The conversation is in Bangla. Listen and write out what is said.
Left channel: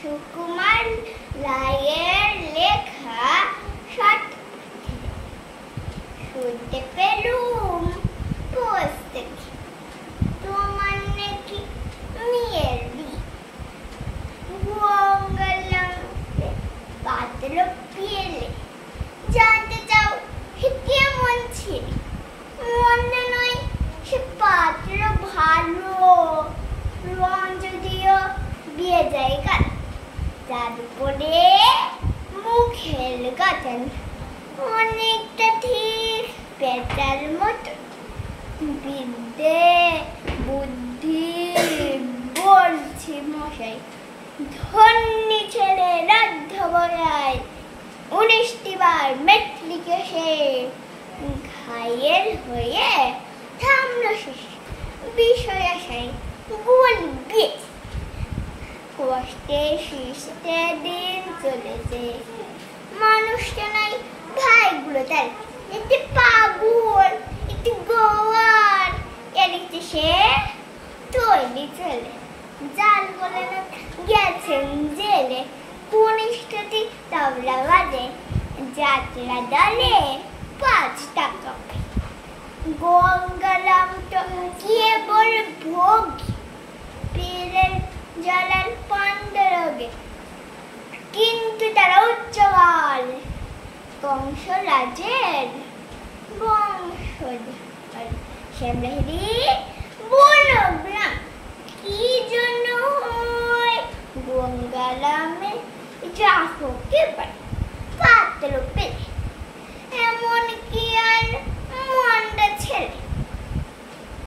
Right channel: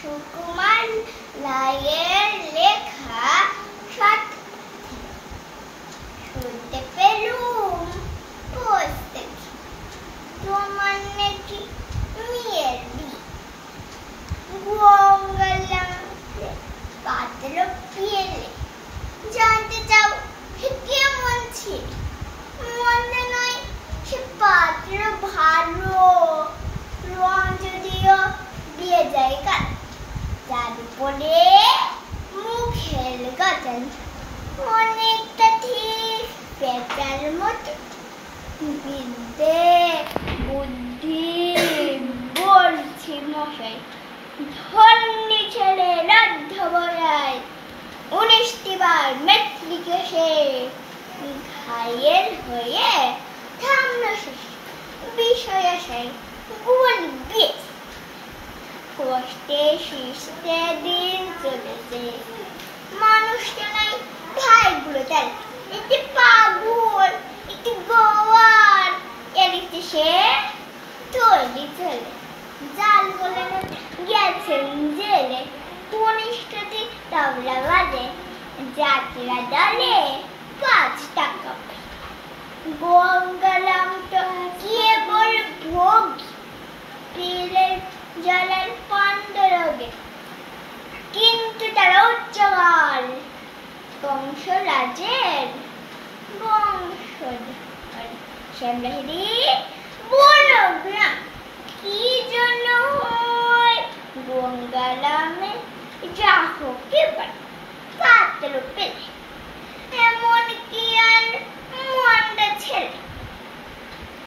সুকুমার রায়ের লেখা শুনতে পেলুম পোষ থেকে তোমার নাকি মেয়ের বিয়ে। গঙ্গালাম পাতল পেলে জানতে চাও সে কেমন ছিল। মন্দ নয়, সে পাতল ভালো, রং যদিও বিয়ে যায় কাল, তার উপরে মুখের গঠন অনেকটা ঠিক পেটার মতো। বিদ্যে বুদ্ধি বলছি মশাই, ধন্যী ছেড়ে রাধ্য বয়ায় 19টি বার মেট্রিকে সে ঘায়ের হয়ে থামল শেষ বিষয় আশায় বলবে। কষ্টে শিশতে দিন চলেছে, মানুষটা নাই ভাইগুলো তার একটি পাগল, একটি গোয়ার, এদিকে সে তৈরি চলে জাল গলে গেছেন জেলে। 19টি তবলা বাজে, যাত্রা দলে 5 টাকা। গঙ্গারাম তো কেবল ভোগী, পীরের জলের পাণ্ডরোগে, কিন্তু তারা উচ্চকাল কংসরাজের বংশধর। শ্যামলাহিরি